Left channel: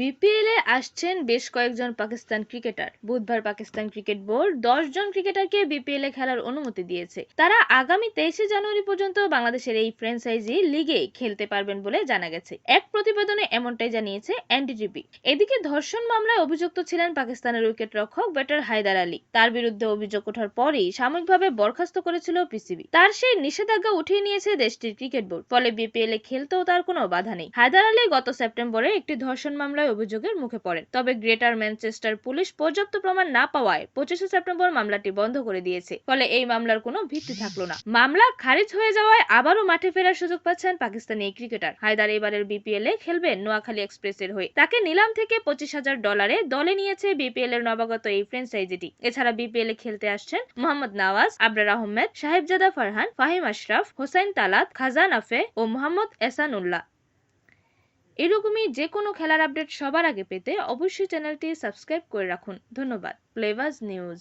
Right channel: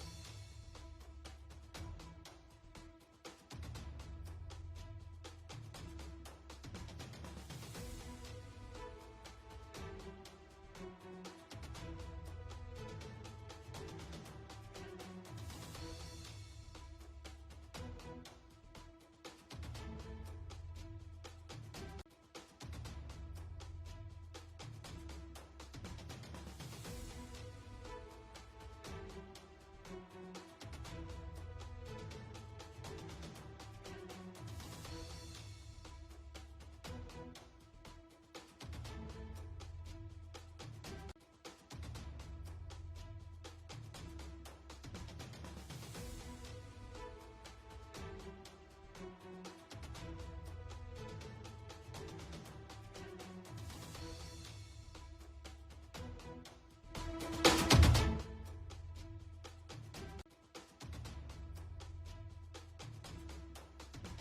BPL আসছেন বেশ কয়েকজন পাকিস্তান ক্রিকেটার। বুধবার পাকিস্তান ক্রিকেট বোর্ড দশ জন ক্রিকেটারকে বিপিএল খেলার অনুমতি দিয়েছে। তারা আগামী তেইশে জানুয়ারি পর্যন্ত বাংলাদেশের এই ফ্র্যাঞ্চাইজি লিগে খেলতে পারবেন বলে জানা গেছে। এক প্রতিবেদনে এমনটাই জানিয়েছে এনডিটিভি এদিকে ধর্ষণ মামলায় অভিযুক্ত ছিলেন পাকিস্তানের উইকেট রক্ষক ব্যাটার হায়দার আলী। তার বিরুদ্ধে অভিযোগ ওঠার পরেই সাময়িকভাবে বরখাস্ত করেছিল পিসিবি তার সেই নিষেধাজ্ঞা উঠিয়ে নিয়েছে দেশটির ক্রিকেট বোর্ড। ফলে বিপিএল খেলতেও তার কোনো বাধা নেই। হায়দার আলী গত সেপ্টেম্বরে একটি ধর্ষণ মামলায় অভিযোগের মুখে পড়েন। তবে গ্রেটার ম্যানচেস্টার পুলিশ পর্যাপ্ত প্রমাণ না পাওয়ায় পঁচিশে সেপ্টেম্বর মামলাটি বন্ধ করে দিয়েছে। ফলে এই মামলার কোনো ভিত্তি থাকল না। মামলা খারিজ হয়ে যাওয়ায় আবারও মাঠে ফেরার সুযোগ পাচ্ছেন পাকিস্তানি এই ক্রিকেটার। হায়দার এবারের বিপিএল এ খেলবেন নোয়াখালী এক্সপ্রেসের হয়ে। তাকে নিলাম থেকে পঁচিশ হাজার ডলারে দলে নিয়েছে বিপিএল এর নবাগত এই ফ্র্যাঞ্চাইজিটি। এছাড়া বিপিএল এ খেলতে আসছেন মোহাম্মদ নওয়াজ, আবরার আহমেদ সাহেবজাদা ফারহান, ফাহিম আশরাফ হোসাইন তালাত, খাজান আফে ও মোহাম্মদ এসান উল্লাহ এরকমই যে কোনো খেলার আপডেট সবার আগে পেতে অবশ্যই চ্যানেলটি সাবস্ক্রাইব করে রাখুন। ধন্যবাদ। Flavours news